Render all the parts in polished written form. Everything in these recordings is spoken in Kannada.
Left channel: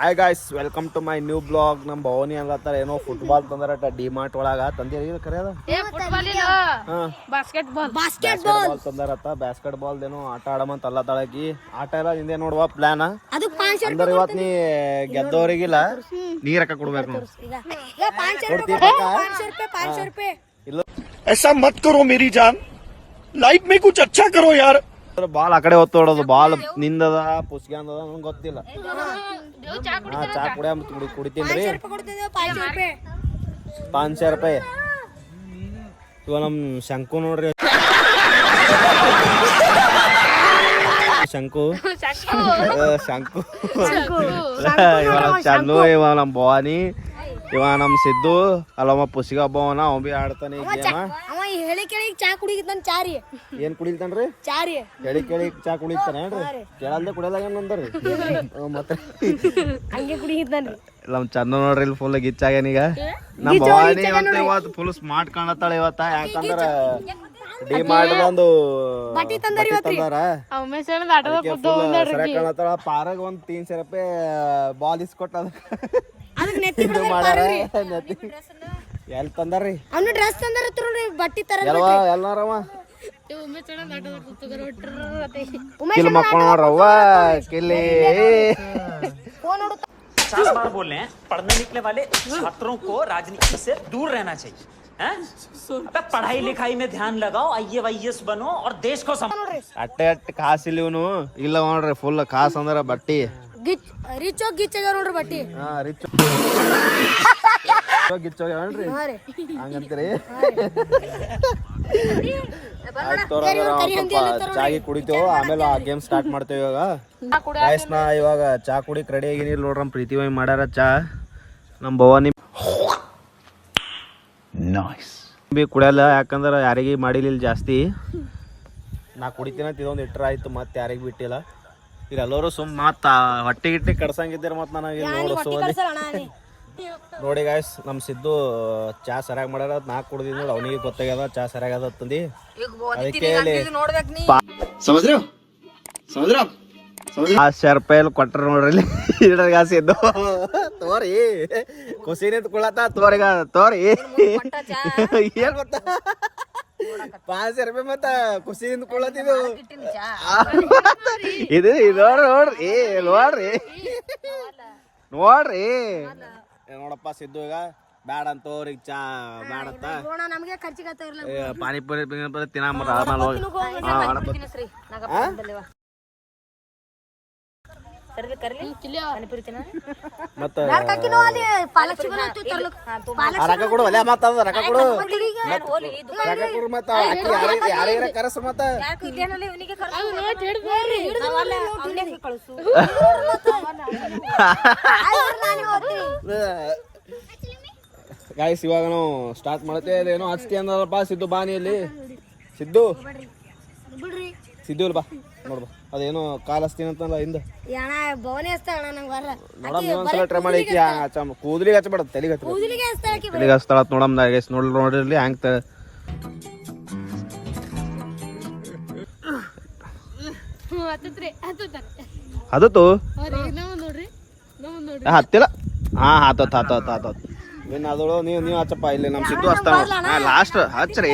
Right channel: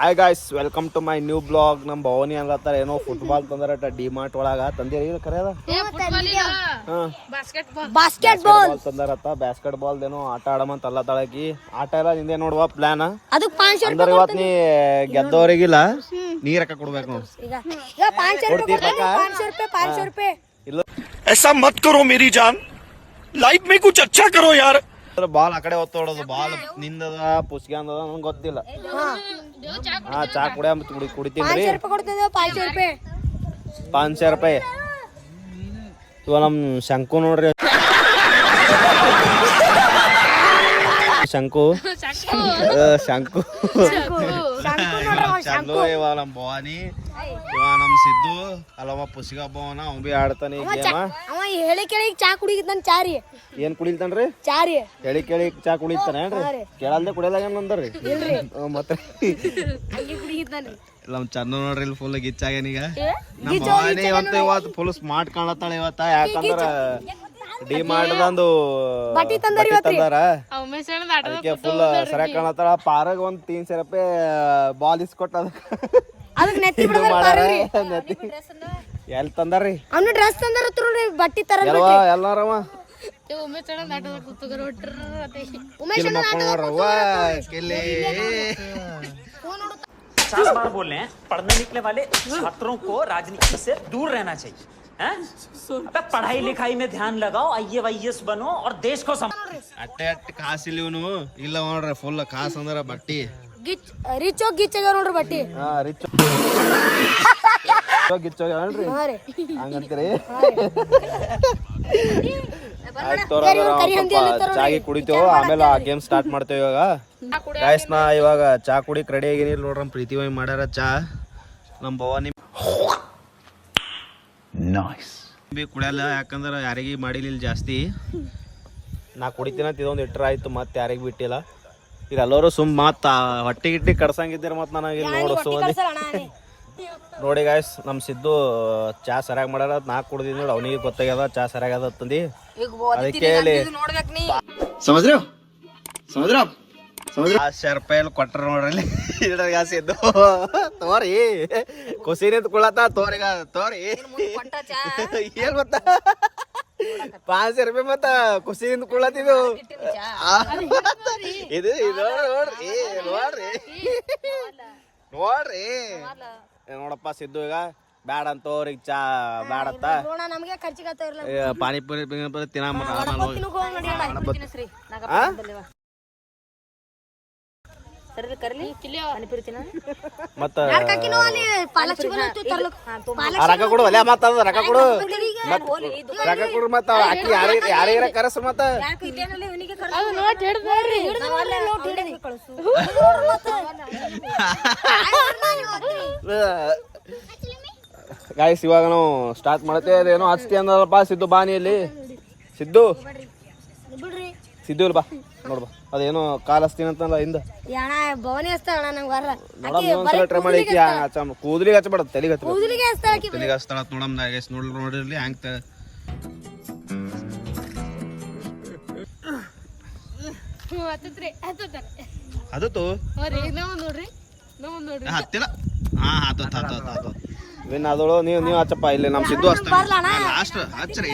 Hi guys, welcome to my new blog. ನಮ್ಮ ಭವನಿ ಅನ್ಲತ್ತಾರ ಏನೋ ಫುಟ್ಬಾಲ್ ತಂದಾರಟ ಡಿ-ಮಾರ್ಟ್ ಒಳಗ. ತಂದಿರಿ ಕರೆಯದ ಬಾಸ್ಕೆಟ್ ಬಾಲ್ ತಂದಾರತ್ತ. ಬ್ಯಾಸ್ಕೆಟ್ ಬಾಲ್ ಏನೋ ಆಟ ಆಡಮಂತ ಅಲ್ಲತ್ತಾಳಕಿ. ಆಟ ಎಲ್ಲ ನಿಂದೆ ನೋಡುವ ಪ್ಲಾನ್ ಅಂದ್ರೆ ಇವತ್ ನೀ ಗೆದ್ದವರಿಗಿಲ್ಲ ನೀ ರೊಕ್ಕ ಕೊಡ್ಬೇಕು ನೋಡು. ಇಲ್ಲ ऐसा मत करो मेरी जान, लाइफ में कुछ अच्छा करो यार. ಬಾಲ್ ಆ ಕಡೆ ಹೊತ್ತು ಹೊಡೋದು. ಬಾಲ್ ನಿಂದದ ಪುಸ್ಗೆ ಅಂದದ ನಂಗೆ ಗೊತ್ತಿಲ್ಲ. ಹಾ, ಚಾ ಕುಡಿತೀನಿ. 500 ರೂಪಾಯಿ. ಇವ ನಮ್ ಶಂಕು ನೋಡ್ರಿ, ಶಂಕು ಇವ ನಮ್ ಚನ್ನು, ಇವ ನಮ್ ಭವಾನಿ, ಇವ ನಮ್ ಸಿದ್ದು, ಅಲ್ಲಮ್ಮ ಪುಸ್ಗೆ ಹಬ್ಬವನ ಅವ್ ಬಿ ಆಡ್ತಾನೆ ಈ ಗೇಮ. ಹೇಳಿ ಕೇಳಿ ಚಾ ಕುಡಿತಾನ. ಚಾರಿ ಏನ್ ಕುಡಿತಾನ್ರಿ? ಚಾರಿ ಹೇಳಿ ಕೇಳಿ ಚಾ ಕುಡಿತಾನ ಏನ್ರಿ? ಕೇಳಲ್ದೆ ಕುಡಿಯದಾಗ ಅಂದ್ರಿ ಮತ್ತೆ ನಮ್ ಚಂದ ನೋಡ್ರಿ ಇಲ್ಲಿ ಫುಲ್ ಗಿಚ್ಚಾಗ್ಯಾನೀಗ. ನಮ್ ಭವಾನಿ ಅಂತ ಇವತ್ತು ಫುಲ್ ಸ್ಮಾರ್ಟ್ ಕಾಣತ್ತಾಳ ಇವತ್ತ. ಯಾಕಂದ್ರ ಡಿ-ಮಾರ್ಟ್ದಂದು ಬಟ್ಟಿ ತಂದಾರ, ಅದಕ್ಕೆ ಫುಲ್ ಸರಿಯಾಗಿ ಕಾಣತ್ತಾಳ. ಪಾರಾಗ ಒಂದ್ 300 ರೂಪಾಯಿ ಬಾಲ್ ಇಸ್ಕೊಟ್ಟ ಇದು ಮಾಡ್ಯಾರ. ಎಲ್ ತಂದಾರ್ರಿ? ಅವ್ನು ಡ್ರೆಸ್ ತಂದಾರ, ಬಟ್ಟಿ ತರ ಎಲ್ಲಾರವ ಕಿಲ್ ಮಕ್ಕೊಂಡ್ರವ್ವ ಕಿಲ್ಲಿ. 50 बार बोल रहे हैं, पढ़ने निकले वाले छात्रों को राजनीति से दूर रहना चाहिए. अबे पढ़ाई लिखाई में ध्यान लगाओ, IAS बनो और देश को ಅಟ್ಟೆ ಕಾಸ್ ಇಲ್ಲಿ ಇವನು ಇಲ್ಲ ನೋಡ್ರಿ. ಫುಲ್ ಕಾಸ್ ಅಂದ್ರ ಬಟ್ಟಿ ರಿಚ್ ಗಿಚ್ ನೋಡ್ರಿ ಬಟ್ಟಿ. ಹಾ, ರಿಚ್ ಗಿಚ್ಚೋಗ್ಯಾವನ್ರಿ ಹಂಗಂತೀರಿ. ಆಯ್ತು ಸ್ವಲ್ಪ ಚಾಗಿ ಕುಡಿತೇವ, ಆಮೇಲೆ ಆ ಗೇಮ್ ಸ್ಟಾರ್ಟ್ ಮಾಡ್ತೇವೆ. ಇವಾಗ ಗಾಯ್ಸ್ ನಾ ಇವಾಗ ಚಾ ಕುಡಿಕ್ ರೆಡಿ ಆಗಿನಿಲ್ಲ ನೋಡ್ರಿ. ನಮ್ ಪ್ರೀತಿ ವೈ ಮಾಡ್ಯಾರ ಚಾ. ನಮ್ ಭವಾನಿ ಬಿ ಕುಡಿಯಲ್ಲ, ಯಾಕಂದ್ರ ಯಾರಿಗೆ ಮಾಡಿಲಿಲ್ಲ ಜಾಸ್ತಿ. ನಾ ಕುಡಿತೀನಂತ ಇದೊಂದು ಇಟ್ರ ಆಯ್ತು, ಮತ್ತೆ ಯಾರಿಗೆ ಬಿಟ್ಟಿಲ್ಲ. ಈಗ ಎಲ್ಲರೂ ಸುಮ್ ಮತ್ತ ಹೊಟ್ಟಿ ಗಿಟ್ಟಿ ಕಡ್ಸಂಗಿದ್ದೀರ ಮತ್ ನನಗೆ ನೋಡು. ನೋಡಿ ಗಾಯ್ಸ್, ನಮ್ ಸಿದ್ದು ಚಾ ಸರಿಯಾಗಿ ಮಾಡ್ಯಾರ. ನಾ ಕುಡ್ದಿದ್ ನೋಡಿ, ಅವನಿಗೆ ಗೊತ್ತಾಗ್ಯದ ಚಾ ಸರಿಯಾಗದ ತಂದಿ. ಅದಕ್ಕೆ 1000 ರೂಪಾಯಿ ಕೊಟ್ರ ನೋಡ್ರಿ. ಇದ್ರಾಗ ಸಿದ್ದು ತೋರಿ ಖುಷಿ ನಿಂತ ಕುಳತ್ತ ತೋರಿಗ ತೋರಿ ಏನ್ ಮತ್ತ 500 ರೂಪಾಯಿ ಮತ್ತ ಖುಷಿ ನಿಂತ ಕುಳತ್ತಿದ್ದು ಇದು ನೋಡ್ರಿ ನೋಡ್ರಿ ನೋಡ್ರಿ. ನೋಡಪ್ಪ ಸಿದ್ದು ಈಗ ಬ್ಯಾಡ ಅಂತ ಅವ್ರಿಗೆ ಚಾ ಬ್ಯಾಡತ್ತ. ಪಾನಿಪುರಿ ತಿನ್ನ ಮತ್ತ ರೊಕ್ಕ ಕೊಡು ಅಲ್ಲ, ಮತ್ತ ರೊಕ್ಕ ಕೊಡು ರೊಕ್ಕ ಕೊಡು ಮತ್ತ ಯಾರ್ಯಾರ ಕರೆಸ್ರು ಮತ್ತ. ಗಾಯ್ಸ್ ಇವಾಗ ನಾವು ಸ್ಟಾರ್ಟ್ ಮಾಡ್ತೇವೆ. ಅದೇನೋ ಹಚ್ತಿ ಅಂದಲ್ಲಪ್ಪ ಸಿದ್ದು ಬಾನಿಯಲ್ಲಿ. ಸಿದ್ದು ಸಿದ್ದು ಬಾ ನೋಡ್ಬಾ, ಅದೇನೋ ಕಾಲ್ ಹಚ್ತೀನಿ ಅಂತಲ್ಲ ಹಿಂದ. ನೋಡಮ್ ಟ್ರೈ ಮಾಡಿ. ಕೂದಲಿಗೆ ಹಚ್ಚಬೇಡ, ತಲೆಗೆ ಹಚ್ತಾಳ ನೋಡಮ್. ಗಾಯ್ಸ್ ನೋಡಿರ್ಲಿ ಹ್ಯಾಂಗ್ ಅದತ್ತು ಹತ್ತಿಲ್ಲ. ಹಾ ಹತ್ತ ವಿನ್ ಅದಳು. ನೀವು ಹಚ್ಚಪ್ಪ ಇಲ್ಲಿ. ನಮ್ ಸಿದ್ದು ಹಚ್ತಾನ ಲಾಸ್ಟ್. ಹಚ್ಚ್ರಿ,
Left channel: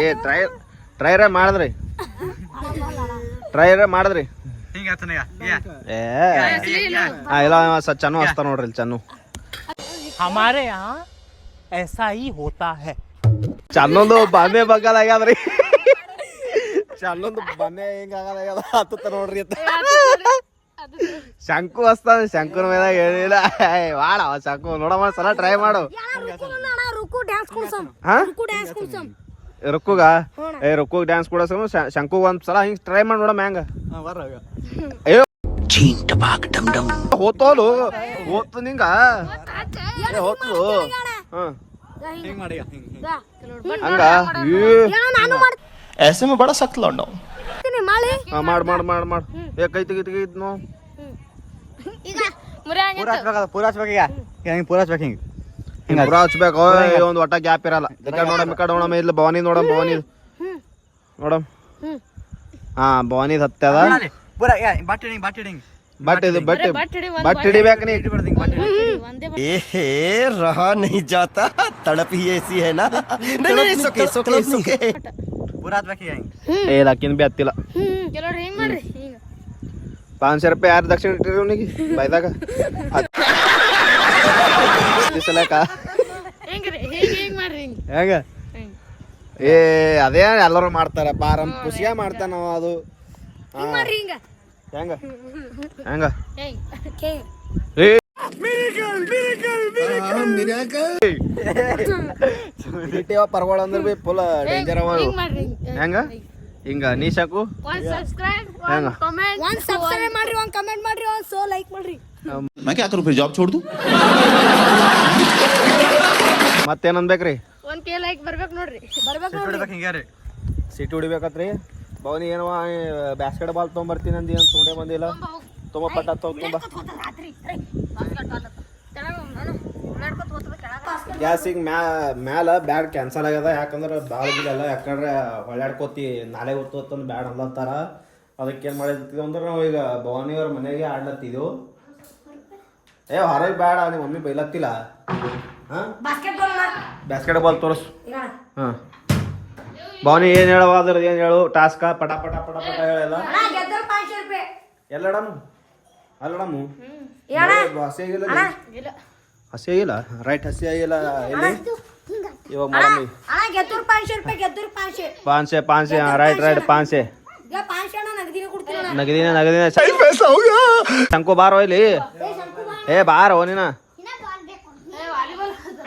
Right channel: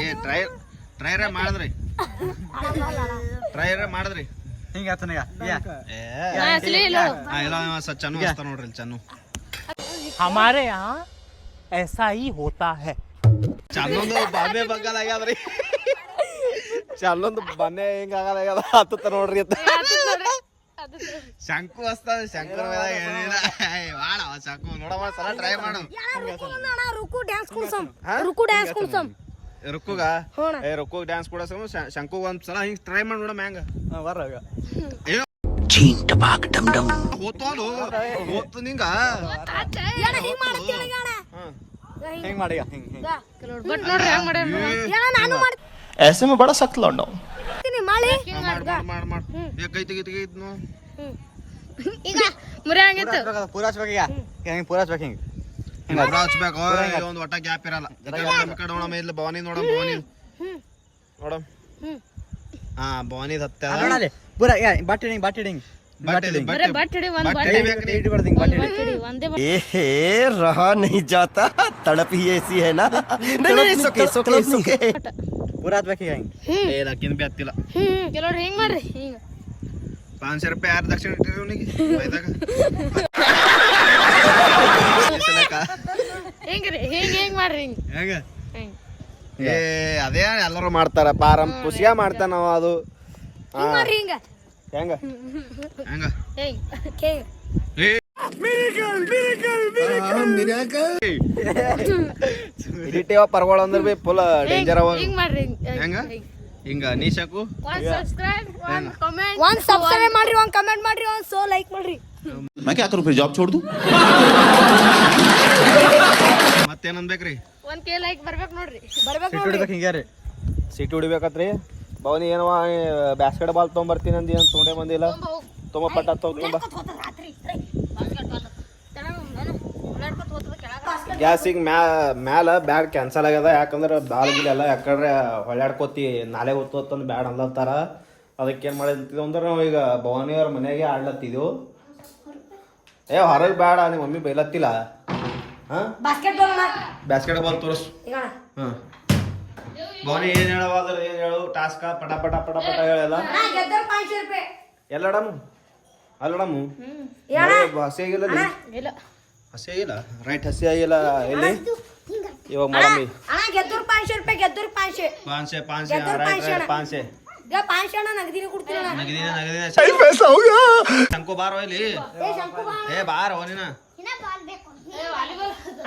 ಟ್ರೈರ ಮಾಡಿದ್ರಿ ಚನ್ನು ಹಚ್ತಾನ ನೋಡ್ರಿ. ಚನ್ನು हमारे यहाँ ऐसा ही होता है. ಚನ್ನೊಂದು ಬಾಂಬೆ ಬಗ್ಗಲ್ ಆಗ್ಯಾದ್ರಿ. ಚನ್ನೊಂದು ಬಾಂಬೆ ಹಿಂಗ ಆಗದ ಹತ್ತ ನೋಡ್ರಿ. ಶಂಕು ಹಚ್ತಾನ. ಶಂಕುನ ಮೇಲೆ ಹೇಳಿಲ್ಲ ವಾಡ ಶಂಕು ನೋಡಮ್ಮ ಸಲ ಟ್ರೈ ಮಾಡು. ರುಕ್ಕುಗ ರುಕ್ಕುಗ್ ಡ್ಯಾನ್ಸ್ ಕೊಡೋಸನು ಶಂಕುಗ್ ಒಂದ್ ಸಲ ಹಿಂಗ್ ಟ್ರೈ ಮಾಡಿ ನೋಡಮ್ಮ ಹೆಂಗ ಹೋತೋಲು ಹೋತು ನಿಂಗ ಹೋತು. ऐसे में बड़ा सख्त लौंडा हूं. ಮಾಡ್ ಮಾಡ್ ಮಾಡ್ ಮಾಡ್ ಏ ಕೈ ತೆಗಿ ನೋ. ಪೂರಾ ಹಚ್ಬೇಕು. ಒಂದು ಒಟ್ಟ ಗ್ಯಾಪ್ ಇರಲ್ಲ. ನೋಡಮ್ ಇಲ್ಲ ಭವಾನಿ ನೋಡಮ್. ನೋಡಮ್ ಹಾ ಭವಾನಿ ಹತ್ತದ. पूरा या बाटी डिंग ಬಟ್ ಇದು ಬಟ್ ಹಿಡಿಬೇಕು ನೀ ಒಂದೇ ए रहा नहीं जाता तड़प ही ऐसी है ना नहीं नहीं सुके सुके सुके ಪೂರಾ ಹತ್ಬೇಕೀಗ ಏ ಅಕ್ಕಿನ ಬಿ ಹತ್ತಿಲ್ಲ ಕೆಲವ್ರು ಹೆಂಗ್ ಮಾಡ್ರಿ ಹಿಂಗ 500 ರೂಪಾಯಿ ಯಾರು ದಕ್ಷಿಣ ಇಟ್ಟಿರಿ ಅವನಿಗೆ ಬೈದಾಗ ಸಲಕ ಹೆಂಗ್ರಿ ಹೆಂಗ್ ಮಾಡ್ರಿ ಹಿಂಗ ಹೆಂಗ ಹಿಂಗ್ ಏ ಅದೇ ಎಲ್ಲರೂ ಮಾಡ್ತಾರ ಪಾರಂ ಖುಷಿಯ ಮಾಡ್ತಾನ ನಾವು ಅದು ಮಾಡ್ರಿ ಹಿಂಗ ಹೆಂಗ ಹೆಂಗ ಹೆಂಗ್ ಹೆಂಗ್ ಇದಿಟ್ಟೇವ ಪರ್ಗೋಳ ಅಂದ್ರ ಬಿ ಫುಲ್ ಡೇಂಜರ್ ಅವ ಹಿಂಗ್ ಮಾಡ್ರಿ ಹೆಂಗ ಹಿಂಗ ನೀ ಸಾಕು ಒಂದ್ ಸಬ್ಸ್ಕ್ರೈಬ್ ಹೆಂಗ ಒಂದ್ ಸಬ್ಸ್ಕ್ರೈಬ್ ಮಾಡ್ರಿ ಒಂದ್ ಕಮೆಂಟ್ ಮಾಡ್ರಿ ಒಂದ್ ಸೋ ಲೈಕ್ ಮಾಡ್ರಿ मैं क्या करूं फिर जॉब छोड़ दूं ಮತ್ತೇನ್ ಅನ್ಬೇಕ್ರಿ ಒಂದ್ ಕೆ ಲೈಕ್ ಬರ್ಬೇಕು ನೋಡ್ರಿ ಬರ್ಬೇಕು ನೋಡ್ರಿ ಸಿಟಿ ಹೊಡಿಬೇಕತ್ರಿ ಭವನಿ ಏನವ ಬ್ಯಾಸ್ಕೆಟ್ ಬಾಲ್ ತೊಗೊಂಬರ್ತೀನಿ ಅಂದಿ ಅಂತ ತೊಗೊಂಡೇ ಬಂದಿಲ್ಲ ತುಂಬ ಪಟ್ಟ ತೊಗೊಂಬ ಗ್ಯಾಸಿಗೆ ಮ್ಯಾಲ ಬ್ಯಾಗ್ ಕ್ಯಾನ್ಸಲ್ ಆಗ್ಯದ ಯಾಕಂದ್ರೆ ಬಾಲ್ ಗಿಲ್ಲ ಯಾಕಂದ್ರೆ ಹೊಳ್ಯಾಡ್ಕೋತಿ ನಾಳೆ ಹೊತ್ತೊತ್ತಂದು ಬ್ಯಾಡ್ ಅನ್ಲತ್ತಾರ ಅದಕ್ಕೆ ಏನು ಮಾಡಿದ್ವಿ ಅಂದ್ರೆ ನಾವು ಈಗ ಭವಾನಿಯವ್ರ ಮನೆಗೆ ಆಡ್ಲತ್ತಿದ್ದೆವು ಏ ಹೊರಗೆ ಬೇಡ ನಿಮ್ಮ ಮಮ್ಮಿ ಬೈಲತ್ತಿಲ್ಲ ಹಾಂ ಬ್ಯಾಸ್ಕೆಟ್ ಬಾಲ್ ತೋರಿಸು ಹಾಂ ಭವಾನಿ ಏನು ಹೇಳವ ಅದ್ರದ್ದು ಏನು ಹೇಳು ಟಾಸ್ಕ ಪಟ ಪಟ ಪಟ ಪಟ ಹೇಳಲ್ಲ ಎಲ್ಲಡಮು ಅಲ್ಲಡಮು ಹಸಿ ಆಗಿಲ್ಲ ಹಸಿ ಆಗಿಲ್ಲ ರೈಟ್ ಹಸಿ ಆಗಿಲ್ಲ ಎಲ್ಲಿ ಇವಾಗ ಮಾಡಮ್ಮಿ 500 ರೂಪಾಯಿ ಗೆದ್ದೂರ್ 500 500 ರೈಟ್ ರೈಟ್ 500 500 ನಗದಿನ ಕೊಡ್ತೀನಿ ನಗದಿನ ಶಂಕು ಬಾರೋ ಇಲ್ಲಿ ಏ ಬಾರೋ ನೀನ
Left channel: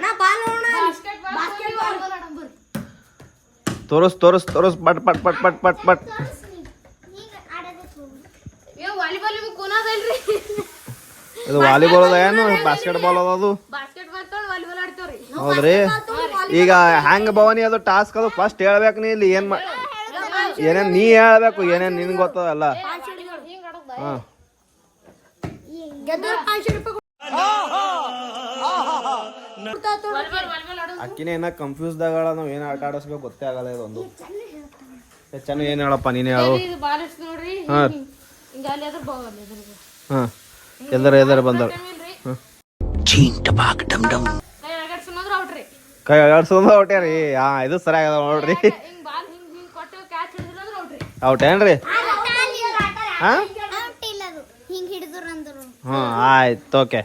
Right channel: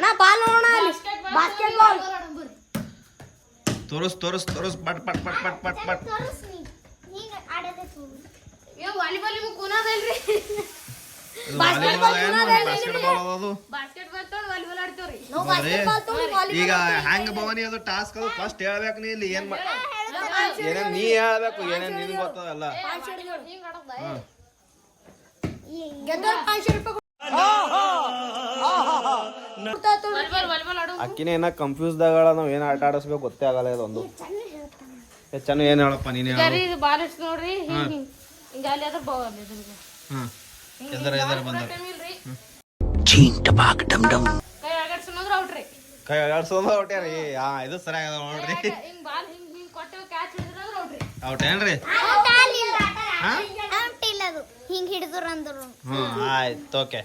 ನಾ ಬಾಲ್ ನೋಡೋಣ ಬಾಸ್ಕೆಟ್ ಬಾಲ್ ತೋರಿಸ್ ತೋರಿಸ್ ತೋರಿಸ್ ಪಟ್ ಪಟ್ ಪಟ್ ಪಟ್ ಪಟ್ ಪಟ್ ವಾಲಿಬಾಲ್ ಇವು ಕೂನದಲ್ರಿ ಇದು ವಾಲಿಬಾಲ್ ಅದ ಏನು ಬಾಸ್ಕೆಟ್ ಬಾಲ್ ಅದ ಅದು ಬಾಸ್ಕೆಟ್ ಬಾಲ್ ತೊಗೊಂಡು ವಾಲಿಬಾಲ್ ಆಡ್ತೇವ್ರಿ ಹೌದ್ರಿ ಈಗ ಹ್ಯಾಂಗ ಭವಾನಿ ಅದು ಟಾಸ್ಕ್ ಅದು ಫಸ್ಟ್ ಹೇಳ್ಬೇಕು ನೀ ಇಲ್ಲಿ ಏನೇನ್ ನೀ ಹೇಳ್ಬೇಕು ಏನೇನ್ ನಿನ್ಗೆ ಗೊತ್ತದಲ್ಲ ಹಾ ಗೆದ್ದೂರ್ 500 ರೂಪಾಯಿ ಅಕ್ಕಿನೇ ಏನ ಕನ್ಫ್ಯೂಸ್ದಾಗ ನಾವ್ ಏನ್ ಆಟ ಆಡಿಸ್ಬೇಕು ಗೊತ್ತೇ ಆಗಲ್ಲ ಇದೊಂದು ಚೆನ್ನಾಗಿ ಏನ್ ಹೇಳಪ್ಪ ನೀನೇ ಹೇಳು ಇದು ಬಾಲ್ ಎಷ್ಟು ನೋಡ್ರಿ ಹಿಂಗ ಅಲ್ಲಿ ಅದ್ರ ಬಾಲ್ ಇದ್ರಿಗೆ ಹಾ ಎದರ ಬಂದವ ಕೈ ಅಗಡ್ಸೋದ್ರ ಔಟ್ರಿ ಕೈ ಆಡ್ಸೋದು ಔಟ್ಯಾರಿ ಹಾ ಇದು ಸರಿಯಾಗದ ನೋಡ್ರಿ ಹಿಂಗ್ ಬಾಲ್ ಹಿಂಗ್ ಕೊಟ್ಟು ಕ್ಯಾಚ್ ಹಿಡಿದ್ರ ಔಟ್ರಿ ಔಟ್ ಏನ್ರಿ ಹಾ ಹಿಂಗ್ ಹಿಡಿದ್ರು ಅಂದ್ರು ಹಾ ಆಯ್ತು ಓಕೆ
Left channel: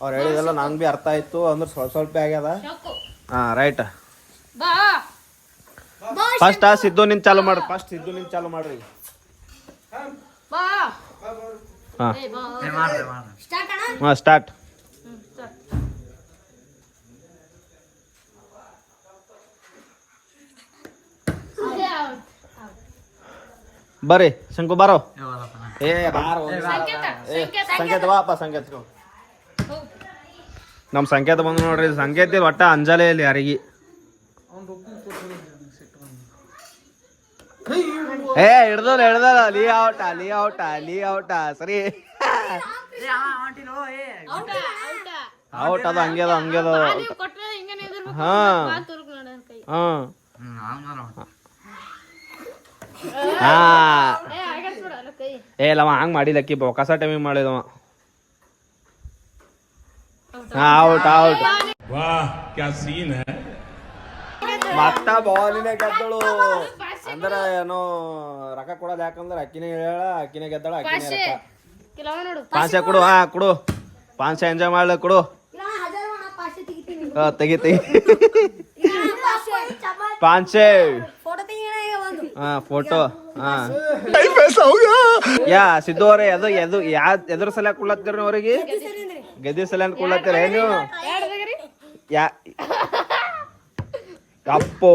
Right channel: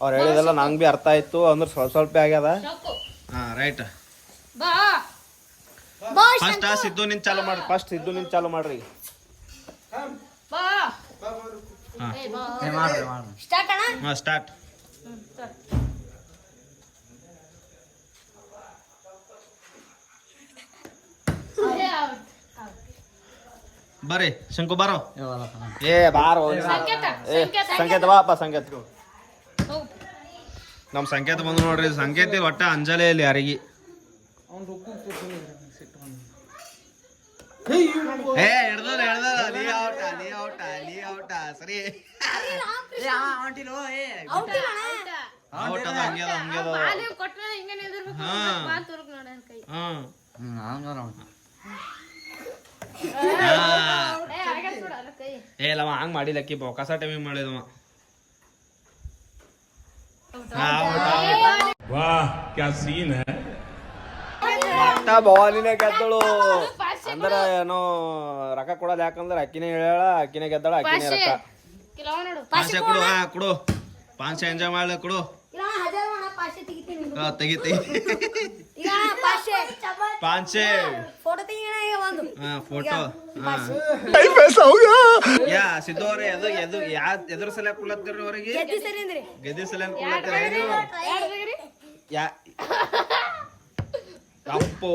ಅವ್ರು ಹೇಳಿದೆಲ್ಲ ನಂಗೆ ಬಿ ಅರ್ಥ ಆಯ್ತು ಅಂದ್ರೆ ಸ್ವಲ್ಪ ಸ್ವಲ್ಪ ಆಗ್ಯದ ಹಾ ರೈಟ್ ಬಾ ಫಸ್ಟ್ ಸಿದ್ದು ನಿನ್ ಚಾಲು ಮಾಡ್ರಿ ಫಸ್ಟ್ ಸಿದ್ದು ನಿನ್ ಚಾಲು ಮಾಡ್ರಿ ಬಾ ಹಾ ಸ್ಟಾರ್ಟ್ ಅಣ್ಣ ಹಾ ಸ್ಟಾರ್ಟ್ ಬರ್ರಿ ಶಂಕು ಬಾರೋ ಏ ಬಾರೋ ಏ ಸಂಕೇತ ಬಾಪ ಸಂಕೇತ ನಮ್ ಸಂಕೇತ ಬಂದು ನೋಡ್ರಿ ಸಂಕೇತ ಇಲ್ಲಿ ಒಟ್ಟ ಅಂಜಲೇ ಇಲ್ಲಿ ಯಾರಿಗೆ ಏ ಹಿಡ್ದಲ್ಲ ಲೀ ಔಟ ಸರಿ ಔಟ್ ಅದು ಹಂಗೆ ಹಾ ಹಾ ಹಾ ಏ ಅಲ್ಲವ ಹಂಗ್ ಮಾಡಿಲ್ಲಕ್ಕಿ ಬೊಕಾಸ ಟೈಮಿಂಗ್ ಮಾಡಿದವ ಔಟ್ वाह क्या सीन है ಮತ್ತ ಬಾಲಿನ ಗೆದ್ದಳು ಅಂದ್ರ ಏನೋ ರೊಕ್ಕ ಕೊಡೋದು ಯಾಕಂದ್ರೆ ಅಕ್ಕಿನೇ ಹೇಳ ಅಕ್ಕಿನೇ ಗೆದ್ದಳ ಅಕ್ಕಿನೇ ರೊಕ್ಕ ಪಾಂಚೆ ಕೊಡು ಹಾ ಕೊಡು ಪಾಂಚೆ ಎಂಜಾಯ್ ಮಾಡ್ಲಿ ಕೊಡು ತೆಗಿ ಪಾಂಚೆ ಹಾ ಫೋಟೋ ಹಾ ಯಾ ಸಿದ್ದು ಅವ್ರೆ ಎದುರು ಸಲ ಕೊಡ್ಲತ್ತೀರ ಅವ್ರಿಗೆ ಗದ್ದೆ ಸಲ ಕೊಡ್ಲತ್ತೀರ ಏನು ಯಾ ಅಪ್ಪೋ